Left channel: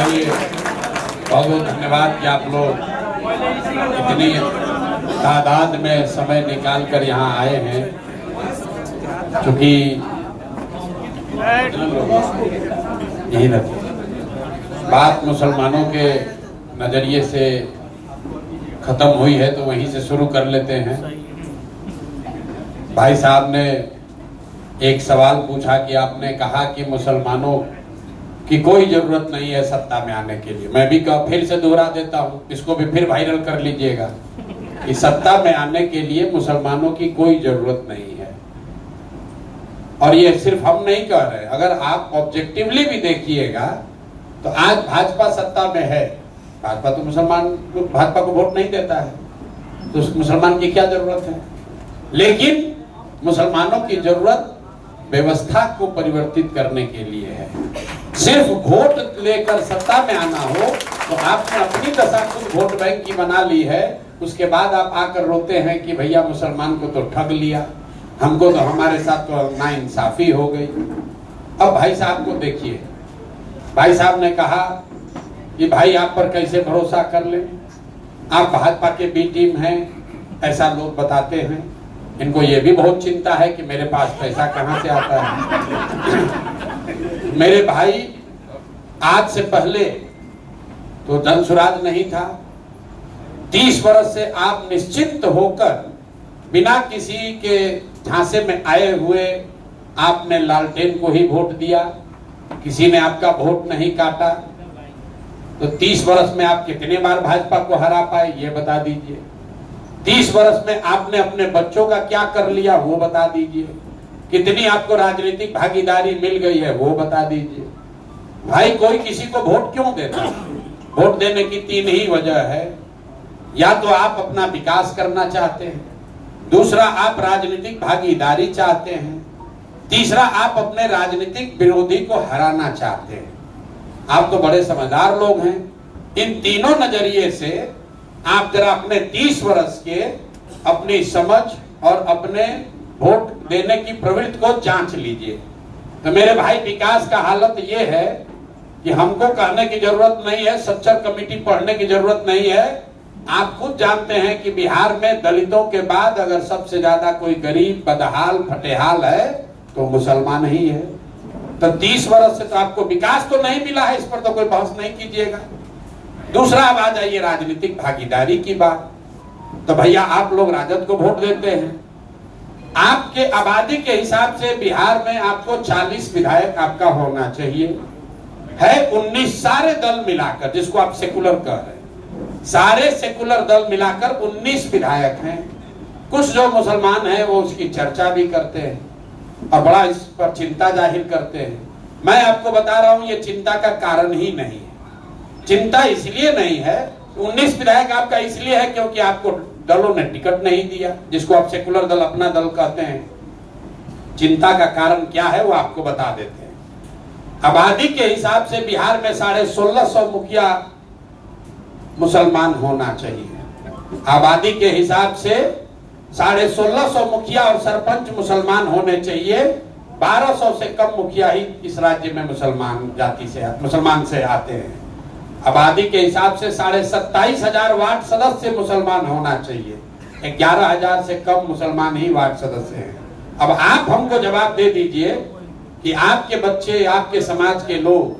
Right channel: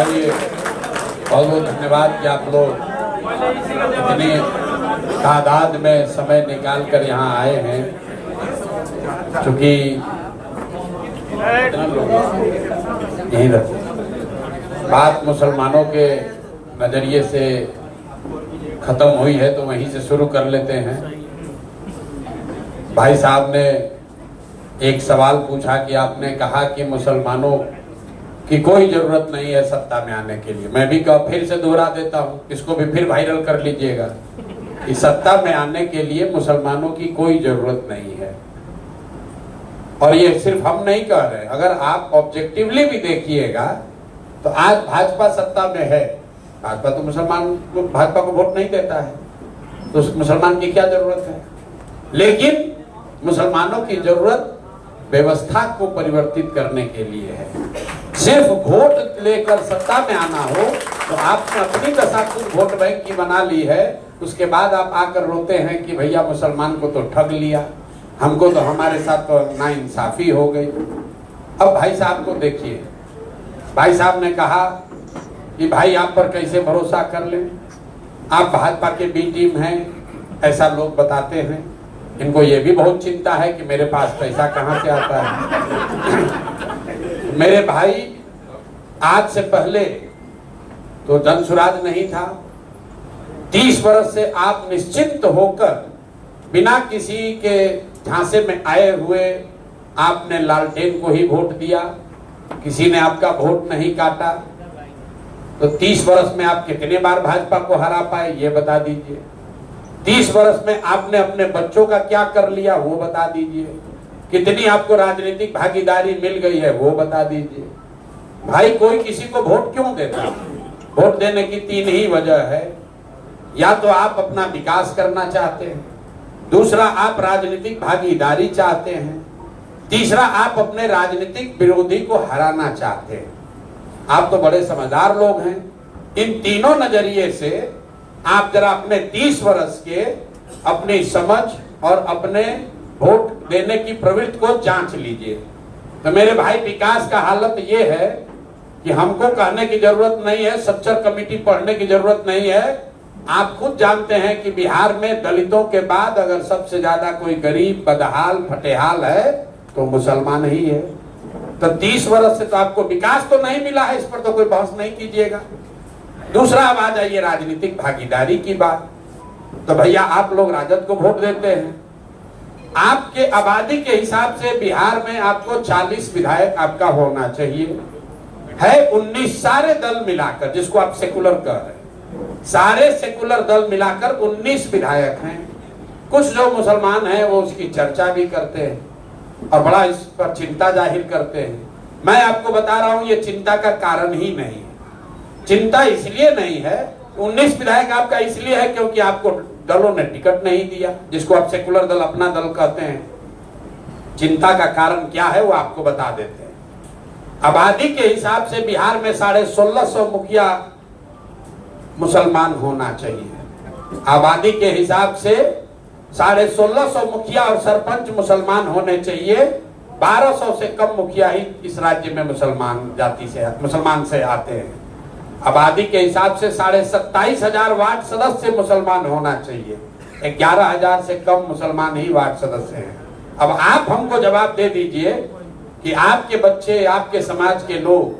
बहुत बहुत धन्यवाद कि आप लोग इतनी तादाद में समय निकाल कर यहाँ आए हैं। क्योंकि यही रखो, बात मुसलमानों के नजरिए से खत्म हुई है तो वहीं से शुरू कर लेते हैं। भाई साहब ने एक सवाल पूछा कि आपने कहा कि मुसलमानों की कोई जरूरत नहीं है सत्ता में आने के लिए। मैं भी फिर से दोहरा देता हूँ, इसको भी फिर वायरल कर लीजिएगा कि सत्ता में आने के लिए मुसलमानों की कोई जरूरत नहीं है। और ये सिर्फ हम नहीं कह रहे, अगर आप ऑब्जेक्टिवली भी देखिएगा तो आज भाजपा सत्ता में है। भाजपा तो मुसलमान भाजपा को वोट नहीं देता है, तो मुसलमान की क्या जरूरत है। लेकिन मुसलमानों की जरूरत व्यवस्था को परिवर्तित करने के लिए है। सिर्फ वोट लेकर सत्ता में आना हो तो आपने अपनी दशा खुद वोट बैंक की बना ली है। उसके बाद आप आकर रोते हैं कि भैया मुसलमान को तो ठग लिया, हमको तो हमारे साथ तो नाइंसाफी हो गई। अब भाई साहब को देखिए, भाई साहब ने कहा कि भाई आप पर कैसे भरोसा कर लें, आप भाजपा के बी टीम हैं, ऐसा लोग बताते हैं। इनको ये भी बहुत चिंता है कि मेरे पास पैसा कहाँ से आता है। मेरे भाई, आज से पहले तो जनसुराज नहीं था। 30 वर्ष से आप निश्चिंत होकर बिना किसी के झांसे में आए हुए आपने लालटेन को ही वोट दिया, किसी ने आपका वोट नहीं काटा। तो 30 वर्ष में आप कितने बार भाजपा को हरा पाए ये बता दीजिए। 30 वर्ष में आपने अपने बच्चों का क्या कर लिया वो बता दीजिए। कितनी आपको राजनीतिक भागीदारी मिल गई है वो बता दीजिए। भाई, कोई किसी को वोट क्यों देता? वोट देने की 3 ही वजह है। या तो आप अपना विकास करना चाहते हैं, दूसरा आप राजनीतिक भागीदारी चाहते हैं, तीसरा आप अपने राजनीतिक विरोधी को हराना चाहते हैं। आप तो बड़े समझदार लोग हैं। इन तीनों नजरिए से आप जरा अपने 30 वर्ष के अपनी समझ और अपने वोट देने की प्रवृत्ति को जांच लीजिए। तो मेरे भाई, विकास का हालत ये है कि हमको कहने की जरूरत नहीं है, सच्चर कमेटी पढ़ने की जरूरत नहीं है। आप खुद जानते हैं कि बिहार में दलितों के बाद अगर सबसे ज्यादा कोई गरीब, बदहाल, फटेहाल है तो मुसलमान ही है। तो 30 वर्ष से तो आपको विकास तो नहीं मिला है, इस पर तो कोई बहस नहीं कीजिएगा। दूसरा, अब आ जाइए राजनीतिक भागीदारी की बात। तो भैया, आप लोग राजद को वोट देते हैं। आपके आबादी के हिसाब से बिहार में आपको 40 विधायक आपका होना चाहिए, है 19 सारे दल मिलाकर, जिसको आप सेकुलर कह रहे हैं। सारे सेकुलर दल मिलाकर 19 विधायक हैं। कुछ जो मुसलमान हैं वो उसकी चर्चा भी करते हैं और बड़ा इस पर चिंता जाहिर करते हैं। मैं आपको बता रहा हूं, ये चिंता का कारण ही नहीं है। चिंता इसलिए नहीं है, 19 विधायक आपका इसलिए है क्योंकि आपको दलों ने टिकट नहीं दिया, जिसको आप सेकुलर दल अपना दल कहते हैं। चिंता का कारण क्या है वो आपको बता देते हैं। आबादी के हिसाब से बिहार में 1650 मुखिया मुसलमान होना चाहिए। आबादी के हिसाब से 1650 मुखिया और सरपंच मुसलमान होने चाहिए। 1200 से कम मुखिया ही इस राज्य में मुसलमान से आते हैं। आबादी के हिसाब से 27,500 वार्ड सदस्य मुसलमान होना चाहिए। 11,000 से कम मुसलमान ही वार्ड सदस्य हैं। अब आप हमको जवाब दे दीजिए कि आपके बच्चे, आपके समाज के लोग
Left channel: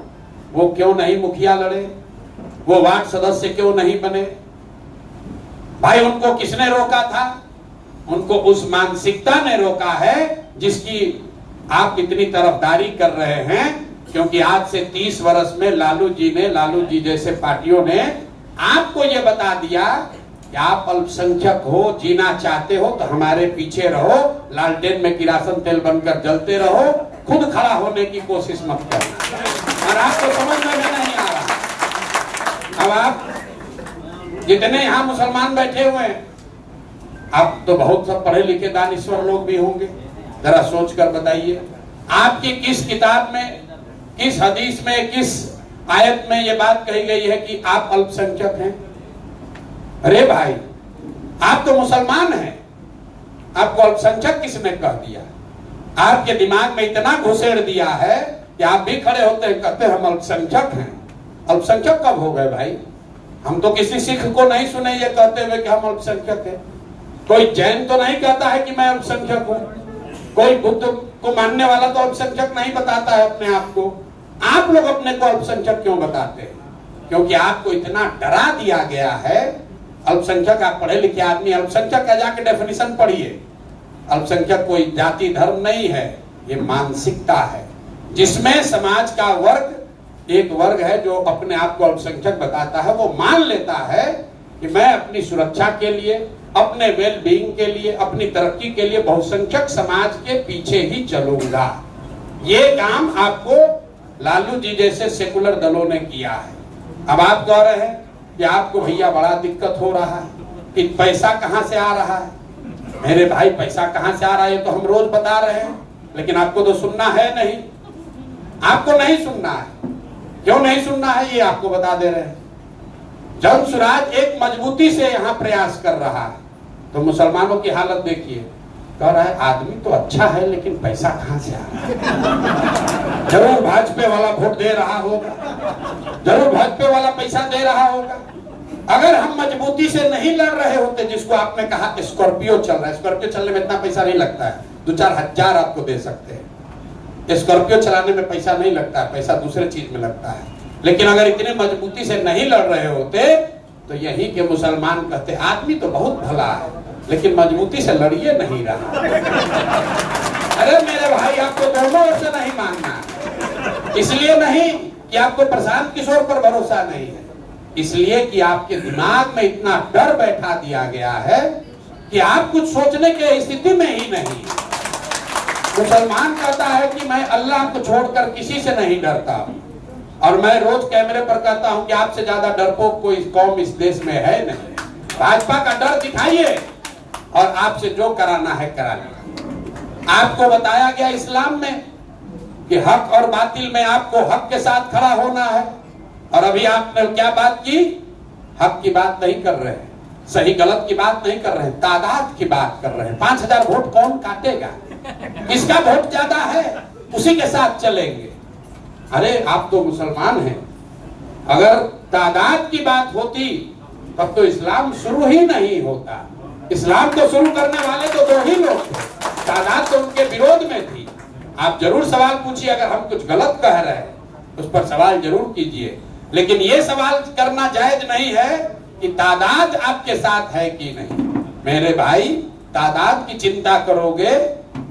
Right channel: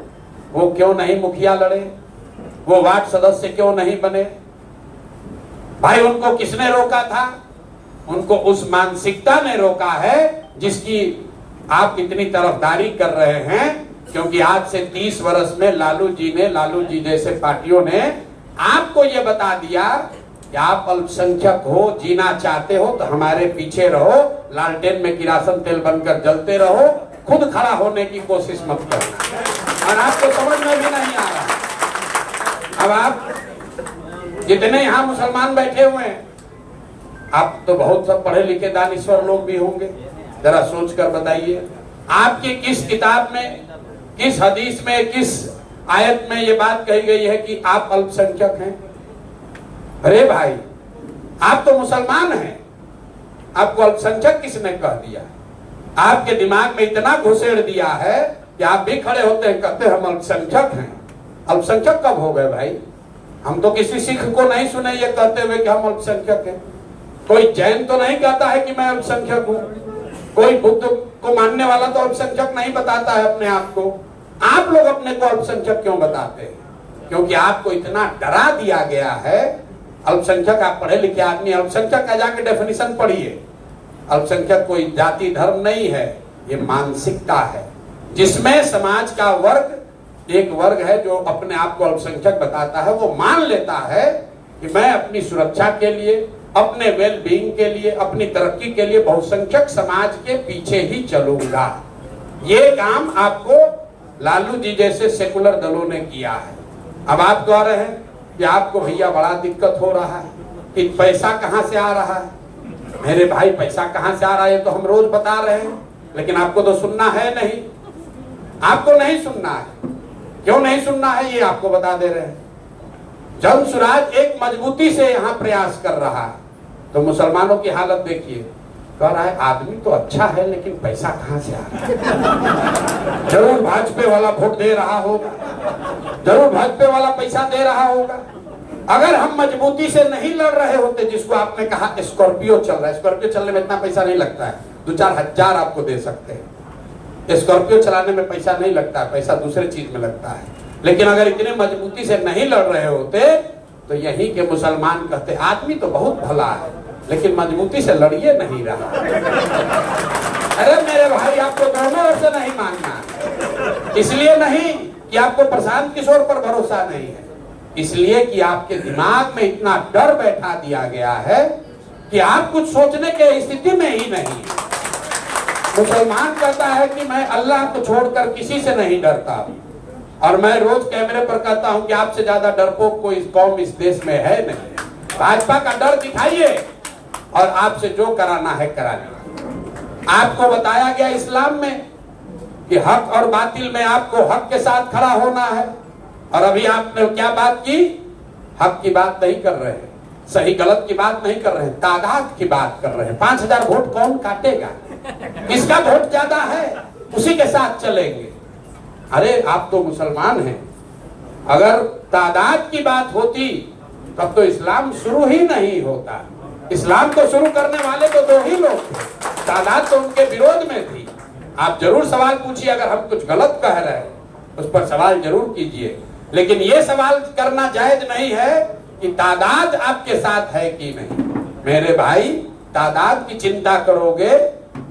वो क्यों नहीं मुखिया लड़े, वो वार्ड सदस्य क्यों नहीं बने? भाई, उनको किसने रोका था? उनको उस मानसिकता ने रोका है जिसकी आप इतनी तरफदारी कर रहे हैं। क्योंकि आज से 30 वर्ष में लालू जी जैसे पार्टियों ने आपको ये बता दिया कि आप अल्पसंख्यक हो, जीना चाहते हो तो हमारे पीछे रहो, लालटेन में किरासन तेल बनकर जलते रहो, खुद खड़ा होने की कोशिश मत करो। और आपको समझ में भी नहीं आ रहा। अब आप जितने यहाँ मुसलमान बैठे हुए हैं, आप तो बहुत सब पढ़े लिखे दानिश्वर लोग भी होंगे, जरा सोच कर बताइए, आपकी किस किताब में, किस हदीस में, किस आयत में ये बात कही गई है कि आप अल्पसंख्यक हैं? अरे भाई, आप तो मुसलमान हैं, आपको अल्पसंख्यक किसने कह दिया? आपके दिमाग में इतना घुसेड़ दिया है कि आप भी खड़े होते हैं, कहते हैं हम अल्पसंख्यक हैं। अल्पसंख्यक कब हो गए भाई? हम तो किसी सिख को नहीं सुने ये कहते हुए कि हम अल्पसंख्यक हैं। कोई जैन तो नहीं कहता है कि मैं अल्पसंख्यक हूं। कोई बुद्ध को मानने वाला तो अल्पसंख्यक नहीं बताता है अपने आप को। आप लोग अपने को अल्पसंख्यक क्यों बताते हैं? क्योंकि आपको इतना डरा दिया गया है। अल्पसंख्यक, आप पढ़े लिखे आदमी, अल्पसंख्यक का जाके डेफिनेशन पढ़िए। अल्पसंख्यक कोई जाति धर्म नहीं है, ये मानसिकता है, जिसमें समाज का वर्ग, एक वर्ग है जो अपने आप को अल्पसंख्यक बताता है। वो मान लेता है कि मैं अपनी सुरक्षा के लिए, अपने वेल बीइंग के लिए, अपनी तरक्की के लिए बहुसंख्यक समाज के पीछे ही चलूंगा। ये काम आपको लालू जी जैसे सेकुलर दलों ने किया है। अब आप कह रहे हैं कि आपको भैया बड़ा दिक्कत हो रहा है कि पैसा कहां से आ रहा है। मेरे भाई, पैसा कहां से आ रहा है तो हम रोज बता रहे हैं, लेकिन आपको तो सुनना है नहीं। आपको नहीं सुनना है। क्यों नहीं सुनना है ये आपको बता दे रहे हैं। जन सुराज एक मजबूती से यहाँ प्रयास कर रहा है, तो मुसलमानों की हालत देखिए। कह रहा है आदमी तो अच्छा है लेकिन पैसा कहां से आ रहा है। जरूर भाजपा वाला वोट दे रहा होगा, जरूर भाजपा वाला पैसा दे रहा होगा। अगर हम मजबूती से नहीं लड़ रहे होते, जिसको आपने कहा स्कॉर्पियो चल रहा है, स्कॉर्पियो चलने में इतना पैसा नहीं लगता है, 2-4 हजार आपको दे सकते हैं। स्कॉर्पियो चलाने में पैसा नहीं लगता है, पैसा दूसरे चीज में लगता है। लेकिन अगर इतने मजबूती से नहीं लड़ रहे होते तो यही के मुसलमान कहते आदमी तो बहुत भला है लेकिन मजबूती से लड़िए नहीं रहा। अरे मेरे भाई, आपको दोनों ओर से नहीं मानना। इसलिए नहीं कि आपको प्रशांत किशोर पर भरोसा नहीं है, इसलिए कि आपके दिमाग में इतना डर बैठा दिया गया है कि आप कुछ सोचने के स्थिति में ही नहीं। मुसलमान कहता है कि मैं अल्लाह को छोड़कर किसी से नहीं डरता हूं, और मैं रोज कैमरे पर कहता हूं कि आपसे ज्यादा डरपोक कोई कौम इस देश में है नहीं। भाजपा का डर दिखाइए और आपसे जो कराना है कराना। आपको बताया गया इस्लाम में कि हक और बातिल में आपको हक के साथ खड़ा होना है, और अभी आपने क्या बात की? हक की बात नहीं कर रहे हैं, सही गलत की बात नहीं कर रहे हैं, तादाद की बात कर रहे हैं। 5000 वोट कौन काटेगा? किसका वोट ज्यादा है उसी के साथ चलेंगे। अरे आप तो मुसलमान हैं, अगर तादाद की बात होती तब तो इस्लाम शुरू ही नहीं होता। इस्लाम तो शुरू करने वाले तो 2 ही लोग थे, तादाद तो उनके विरोध में थी। आप जरूर सवाल पूछिए, अगर हम कुछ गलत कह रहे हैं उस पर सवाल जरूर कीजिए, लेकिन ये सवाल करना जायज नहीं है कि तादाद आपके साथ है कि नहीं। मेरे भाई, तादाद की चिंता करोगे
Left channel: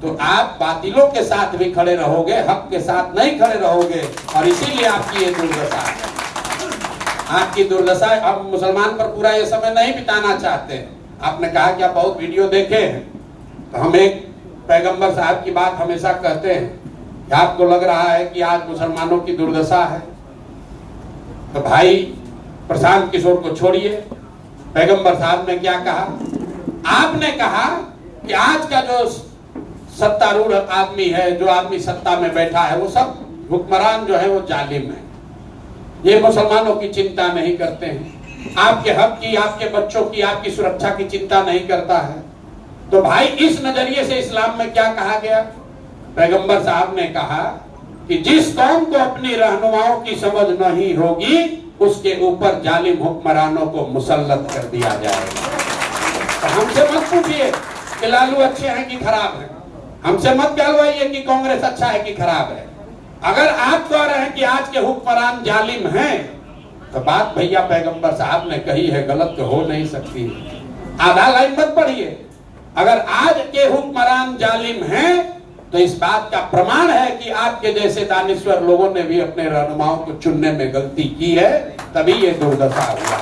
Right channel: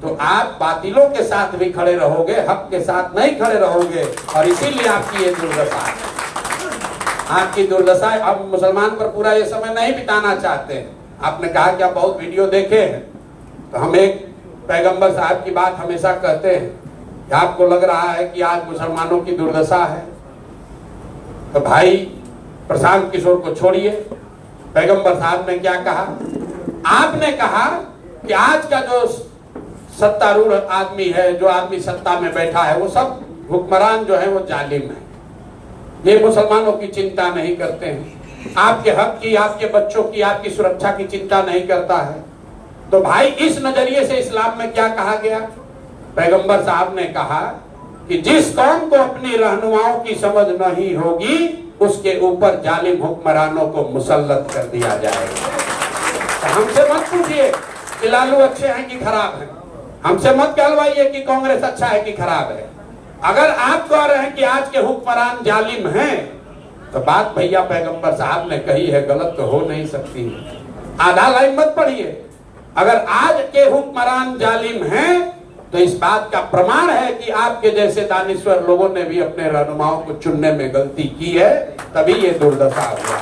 तो आप बातिलों के साथ भी खड़े रहोगे, हक के साथ नहीं खड़े रहोगे, और इसीलिए आपकी ये दुर्दशा है। आपकी दुर्दशा। अब मुसलमान पर पूरा ये समय नहीं बिताना चाहते हैं। आपने कहा कि आप बहुत वीडियो देखे हैं, तो हम एक पैगंबर साहब की बात हमेशा कहते हैं कि आपको लग रहा है कि आज मुसलमानों की दुर्दशा है, तो भाई प्रशांत किशोर को छोड़िए। पैगंबर साहब ने क्या कहा? आपने कहा कि आज का जो सत्तारूढ़ आदमी है, जो आदमी सत्ता में बैठा है, वो सब हुक्मरान जो है वो जालिम है, ये मुसलमानों की चिंता नहीं करते हैं, आपके हक की, आपके बच्चों की, आपकी सुरक्षा की चिंता नहीं करता है। तो भाई, इस नजरिए से इस्लाम में क्या कहा गया? पैगंबर साहब ने कहा कि जिस कौम को अपनी रहनुमाओं की समझ नहीं होगी उसके ऊपर जालिम हुक्मरानों को मुसल्लत कर दिया जाएगा। तो हमसे मत पूछिए कि लालू अच्छे हैं कि खराब हैं, हमसे मत कहलवाइए कि कांग्रेस अच्छा है कि खराब है। अगर आप कह रहे हैं कि आज के हुक्मरान जालिम हैं, तो बात भैया पैगंबर साहब ने कही है, गलत तो हो नहीं सकती। आधा लाइन मत पढ़िए। अगर आज के हुक्मरान जालिम हैं तो इस बात का प्रमाण है कि आपके जैसे दानिश्वर लोगों ने भी अपने रहनुमाओं को चुनने में गलती की है, तभी ये दुर्दशा हुआ।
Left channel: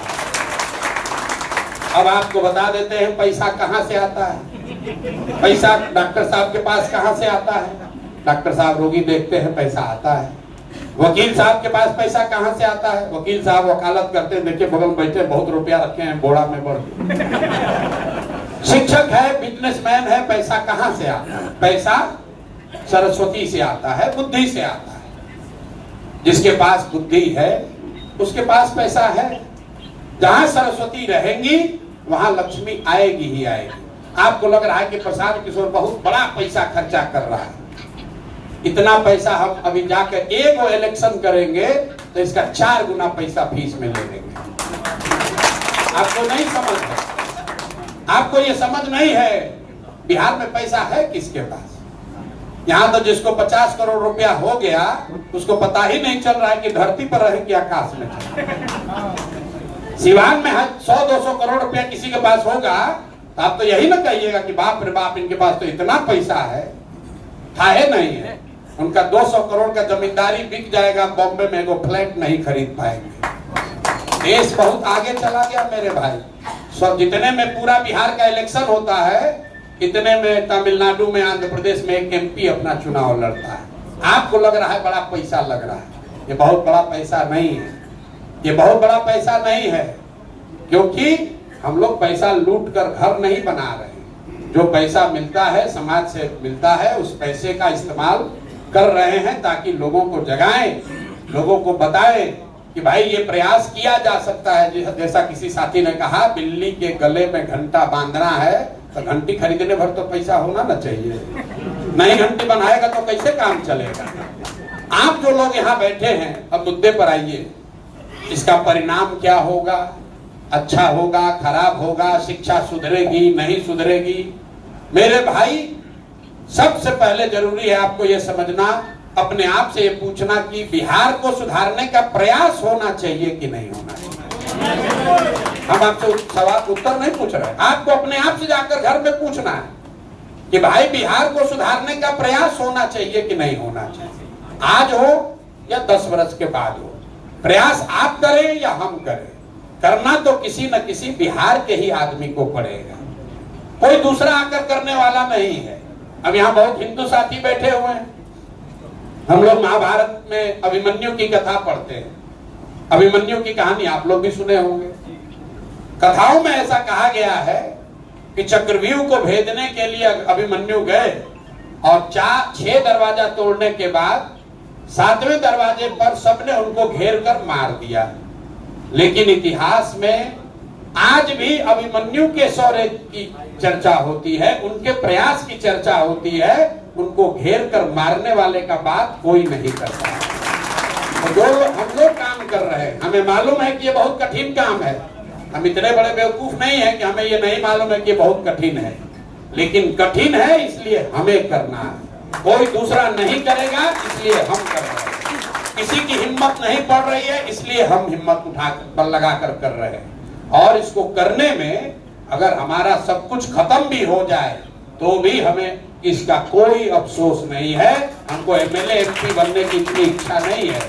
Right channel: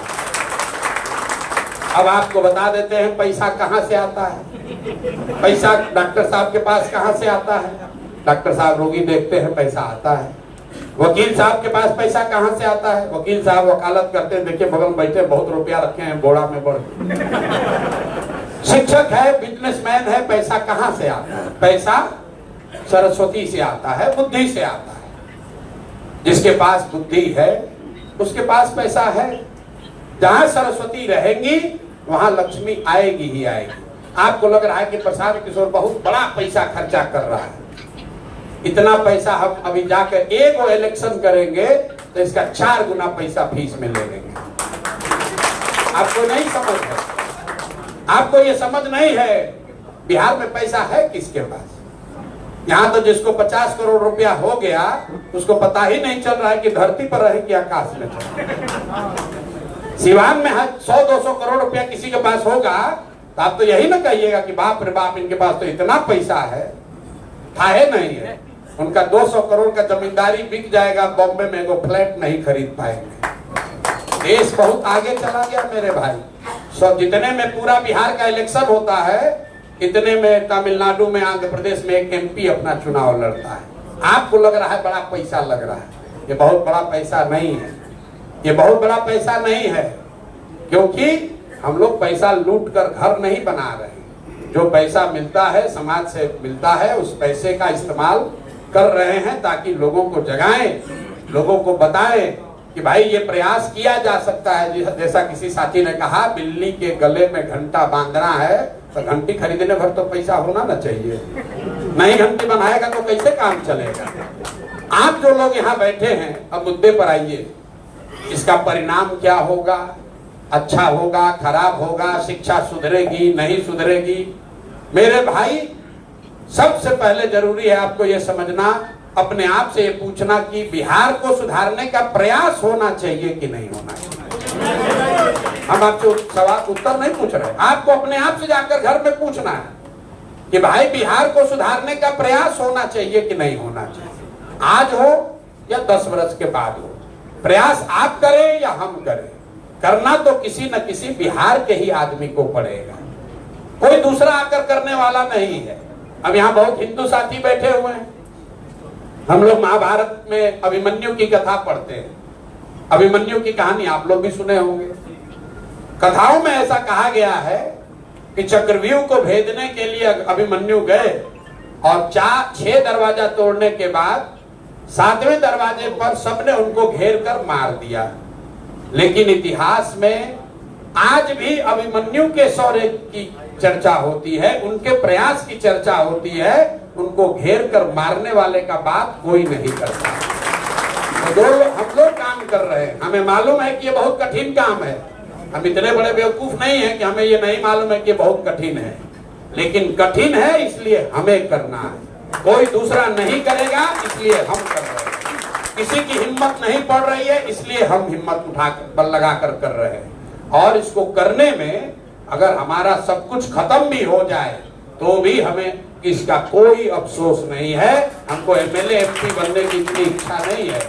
अब आपको बता देते हैं पैसा कहां से आता है। पैसा डॉक्टर साहब के पास कहां से आता है? डॉक्टर साहब रोगी देखते हैं, पैसा आता है। वकील साहब के पास पैसा कहां से आता है? वकील साहब वकालत करते हैं, देखिए बगल में बैठे, बहुत रुपया रखे हैं बोड़ा में बढ़। शिक्षक है, बिजनेसमैन है, पैसा कहां से आता है? पैसा सरस्वती से आता है, बुद्धि से आता है। जिसके पास बुद्धि है उसके पास पैसा है। जहां सरस्वती रहेंगी वहां लक्ष्मी आएगी ही आएगी। आपको लग रहा है कि प्रशांत किशोर बहुत बड़ा पैसा खर्चा कर रहा है, इतना पैसा हम अभी जाकर एक वो इलेक्शन करेंगे तो इसका 4 गुना पैसा फीस में ले लेंगे। आपको नहीं समझ है, आपको ये समझ नहीं है बिहार में पैसा है किसके पास। यहाँ तो जिसको 50 करोड़ रुपया हो गया उसको पता ही नहीं चल रहा है कि धरती पर रहे कि आकाश में चले। सिवान में 100-200 करोड़ रुपया किसी के पास होगा तो आप तो यही ना कहिएगा कि बाप रे बाप इनके पास तो इतना पैसा है। था है नहीं है, उनका 200 करोड़ का जमींदारी बिक जाएगा, बॉम्बे में वो फ्लैट नहीं खरीद पाएंगे। देश बहुत आगे चला गया मेरे भाई। सब जितने में पूरा बिहार का इलेक्शन होता है इतने में तमिलनाडु में, आंध्र प्रदेश में एक MP अपना चुनाव लड़ता है। आपको लग रहा है बड़ा पैसा लग रहा है, ये बहुत बड़ा पैसा नहीं है, ये बहुत बड़ा पैसा नहीं है। क्योंकि हम लोग पैसा लूट कर घर नहीं बना रहे, जो पैसा मिलता है समाज से मिलता है उस पैसे का इस्तेमाल कर रहे हैं ताकि लोगों को जगाएं, लोगों को बताएं कि भाई ये प्रयास किया जा सकता है। जैसा किसी साथी ने कहा बिल्ली के गले में घंटा बांधना है तो घंटी खरीदने भर तो पैसा होना ना चाहिए, नहीं घंटी बनाएगा तो कैसे काम चलेगा। आप जो लोग यहाँ बैठे हैं अब मुद्दे पर आइए, इसका परिणाम क्या होगा, अच्छा होगा खराब होगा, शिक्षा सुधरेगी नहीं सुधरेगी। मेरे भाई सबसे पहले जरूरी है आपको ये समझना, अपने आप से ये पूछना कि बिहार को सुधारने का प्रयास होना चाहिए कि नहीं होना चाहिए। हम आपसे सवाल उत्तर नहीं पूछ रहे, आपको अपने आप से जाकर घर में पूछना है कि भाई बिहार को सुधारने का प्रयास होना चाहिए कि नहीं होना चाहिए। आज हो या 10 वर्ष के बाद हो, प्रयास आप करें या हम करें, करना तो किसी न किसी बिहार के ही आदमी को पड़ेगा, कोई दूसरा आकर करने वाला नहीं है। अब यहाँ बहुत हिंदू साथी बैठे हुए हैं, हम लोग महाभारत में अभिमन्यु की कथा पढ़ते हैं। अभिमन्यु की कहानी आप लोग भी सुने होंगे। कथाओं में ऐसा कहा गया है कि चक्रव्यूह को भेदने के लिए अभिमन्यु गए और 6 दरवाजा तोड़ने के बाद 7वें दरवाजे पर सबने उनको घेर कर मार दिया। लेकिन इतिहास में आज भी अभिमन्यु के शौर्य की चर्चा होती है, उनके प्रयास की चर्चा होती है, उनको घेर कर मारने वाले का बात कोई नहीं करता। तो हम लोग काम कर रहे हैं, हमें मालूम है कि ये बहुत कठिन काम है, हम इतने बड़े बेवकूफ नहीं है कि हमें ये नहीं मालूम है कि ये बहुत कठिन है, लेकिन कठिन है इसलिए हमें करना है, कोई दूसरा नहीं करेगा इसलिए हम कर रहे हैं। किसी की हिम्मत नहीं पड़ रही है इसलिए हम हिम्मत उठा बल लगाकर कर रहे हैं। और इसको करने में अगर हमारा सब कुछ खत्म भी हो जाए तो भी हमें इसका कोई अफसोस नहीं है। हमको MLA MP बनने की इतनी इच्छा नहीं है।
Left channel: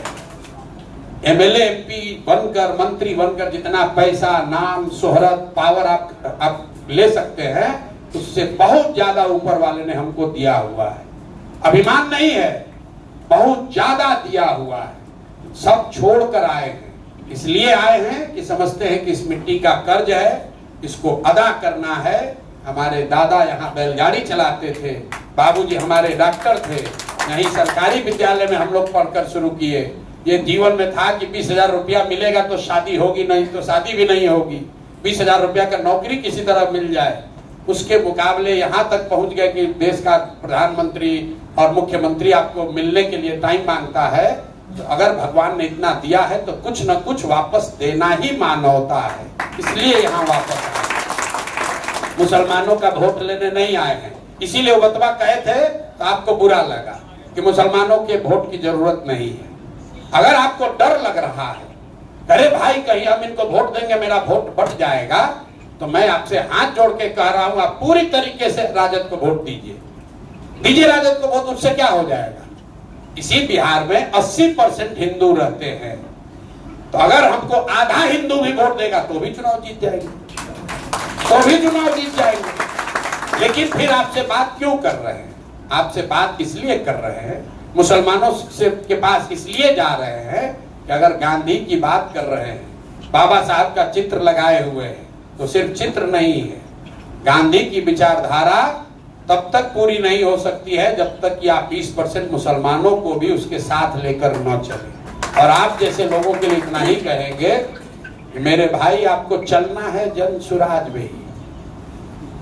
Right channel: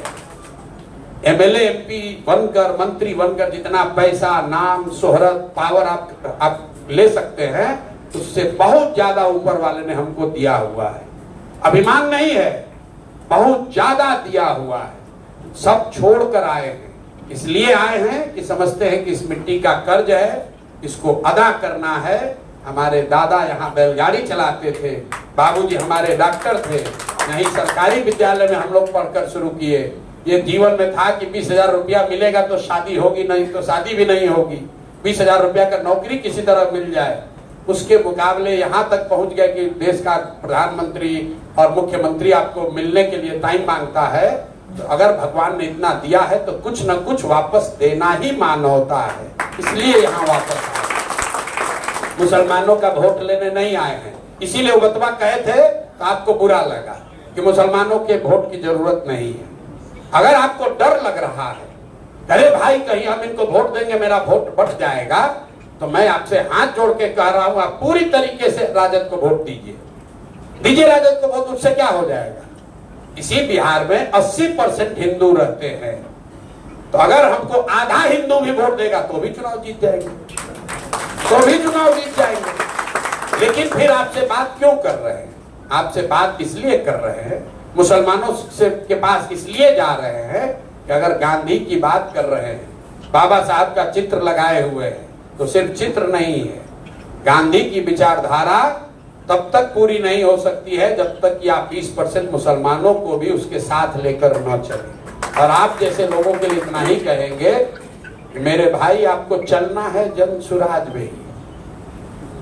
MLA MP बनकर, मंत्री बनकर जितना पैसा, नाम, शोहरत, पावर आप ले सकते हैं उससे बहुत ज्यादा ऊपर वाले ने हमको दिया हुआ है। अभिमान नहीं है, बहुत ज्यादा दिया हुआ है। सब छोड़कर आए हैं, इसलिए आए हैं कि समझते हैं कि इस मिट्टी का कर्ज है, इसको अदा करना है। हमारे दादा यहाँ बैलगाड़ी चलाते थे, बाबूजी हमारे डॉक्टर थे, यहीं सरकारी विद्यालय में हम लोग पढ़कर शुरू किए। ये जीवन में था कि 20,000 रुपया मिलेगा तो शादी होगी, नहीं तो शादी भी नहीं होगी। 20,000 रुपया का नौकरी किसी तरह मिल जाए। उसके मुकाबले यहाँ तक पहुंच गए कि देश का प्रधानमंत्री और मुख्यमंत्री आपको मिलने के लिए टाइम मांगता है। तो अगर भगवान ने इतना दिया है तो कुछ न कुछ वापस देना ही मानवता है, इसलिए यहाँ वापस आए। मुसलमानों का वोट लेने नहीं आए हैं, इसीलिए वो बतवा कहे थे तो आपको बुरा लगा कि मुसलमानों के वोट की जरूरत नहीं है। अगर आपको डर लग रहा है, अरे भाई कहीं हम इनको वोट देंगे मेरा वोट बढ़ जाएगा, तो मैं आपसे हाथ जोड़ के कह रहा हूं आप पूरी तरीके से राजद को वोट दीजिए राजद को वोट। उससे क्या हो जाएगा? इसी बिहार में 80% हिंदू रहते हैं, तो अगर हमको आधा हिंदू भी वोट देगा तो भी चुनाव जीत जाएंगे, लेकिन फिर आपसे बात क्यों कर रहे हैं? आपसे बात इसलिए कर रहे हैं, मुसलमानों से के पास इसलिए जा रहे हैं कि अगर गांधी की बात कर रहे हैं, बाबा साहब का चित्र लगाए हुए हैं, तो सिर्फ चित्र नहीं है, गांधी की विचारधारा तब तक पूरी नहीं हो सकती है जब तक कि आप 20% मुसलमानों को भी उसके साथ लेकर न चलें। और आप जैसे लोगों के लिए इतना ही कहेंगे कि मेरे भाई आपको चलना है जनसुराज में ही,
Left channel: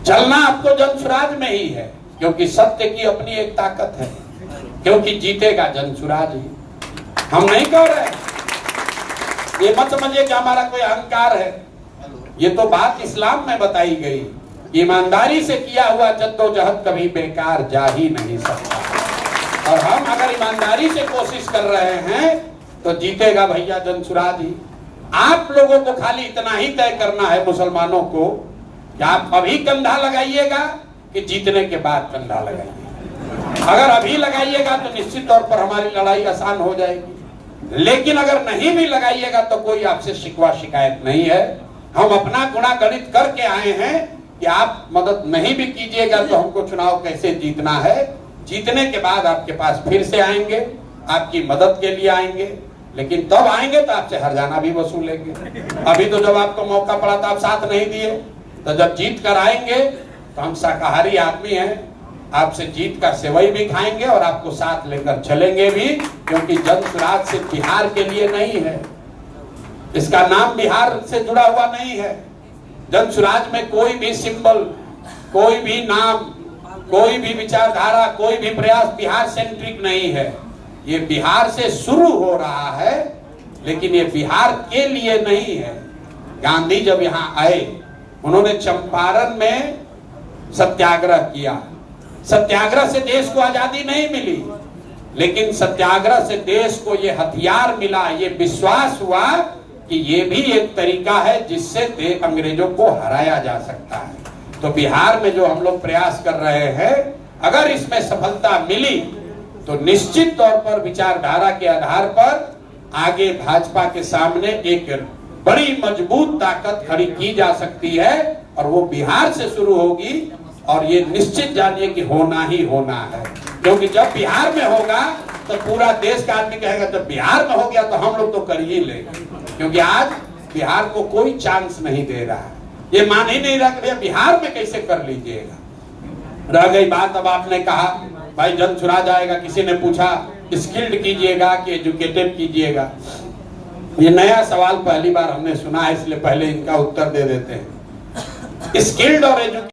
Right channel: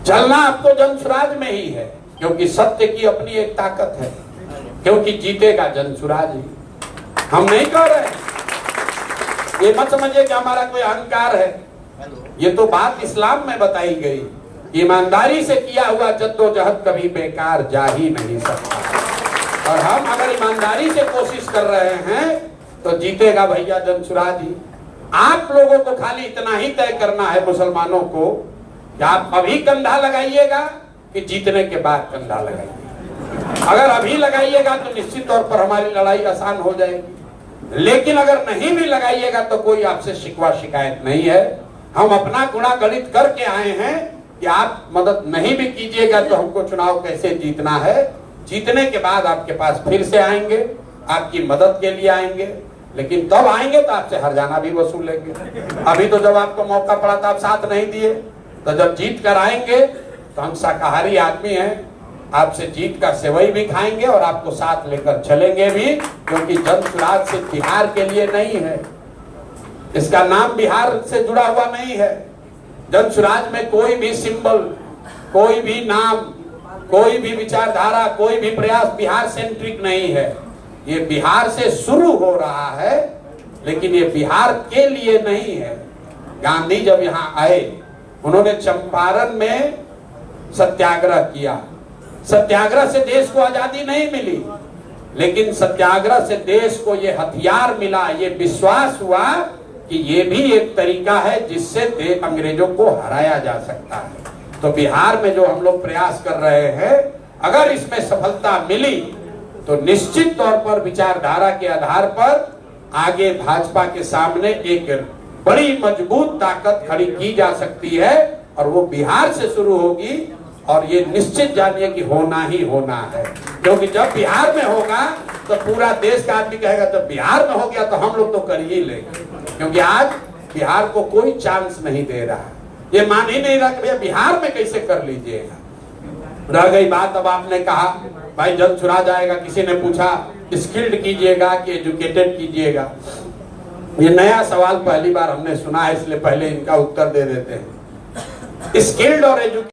चलना आपको जनसुराज में ही है, क्योंकि सत्य की अपनी एक ताकत है। क्योंकि जीतेगा जनसुराज ही। हम नहीं कह रहे, ये मत समझिए कि हमारा कोई अहंकार है। ये तो बात इस्लाम में बताई गई, ईमानदारी से किया हुआ जद्दोजहद कभी बेकार जा ही नहीं सकता। और हम अगर ईमानदारी से कोशिश कर रहे हैं तो जीतेगा भैया जनसुराज ही। आप लोगों को खाली इतना ही तय करना है मुसलमानों को कि आप अभी कंधा लगाइएगा कि जीतने के बाद कंधा लगाइएगा। अगर अभी लगाइएगा तो निश्चित तौर पर हमारी लड़ाई आसान हो जाएगी, लेकिन अगर नहीं भी लगाइएगा तो कोई आपसे शिकवा शिकायत नहीं है। हम अपना गुणा गणित करके आए हैं कि आप मदद नहीं भी कीजिएगा तो हमको चुनाव कैसे जीतना है। जीतने के बाद आपके पास फिर से आएंगे, आपकी मदद के लिए आएंगे, लेकिन तब आएंगे तो आपसे हरजाना भी वसूलेंगे। अभी तो जब आपको मौका पड़ा था आप साथ नहीं दिए, तो जब जीत कर आएंगे तो हम शाकाहारी आदमी हैं, आपसे जीत कर सेवई भी खाएंगे और आपको साथ लेकर चलेंगे भी, क्योंकि जनसुराज सिर्फ बिहार के लिए नहीं है, इसका नाम बिहार से जुड़ा हुआ नहीं है। जनसुराज में कोई भी सिंबल, कोई भी नाम, कोई भी विचारधारा, कोई भी प्रयास बिहार सेंट्रिक नहीं है। ये बिहार से शुरू हो रहा है, लेकिन ये बिहार के लिए नहीं है। गांधी जब यहाँ आए, उन्होंने चंपारण में सत्याग्रह किया। सत्याग्रह से देश को आजादी नहीं मिली, लेकिन सत्याग्रह से देश को ये हथियार मिला, ये विश्वास हुआ कि ये भी एक तरीका है जिससे अंग्रेजों को हराया जा सकता है। तो बिहार में जो हम लोग प्रयास कर रहे हैं, अगर इसमें सफलता मिली तो निश्चित तौर पर विचारधारा के आधार पर आगे भाजपा के सामने एक बड़ी मजबूत ताकत खड़ी की जा सकती है, और वो बिहार से शुरू होगी। और ये निश्चित जानिए कि होना ही होना है, क्योंकि जब बिहार में होगा तो पूरा देश का आदमी कहेगा जब बिहार में हो गया तो हम लोग तो कर ही लेंगे, क्योंकि आज बिहार को कोई चांस नहीं दे रहा है। ये मान ही नहीं रख रहे, बिहार में कैसे कर लीजिएगा। रह गई बात, अब आपने कहा भाई जनसुराज आएगा, किसी ने पूछा स्किल्ड कीजिएगा कि एजुकेटेड कीजिएगा। ये नया सवाल पहली बार हमने सुना है, इसलिए पहले इनका उत्तर दे देते हैं। स्किल्ड और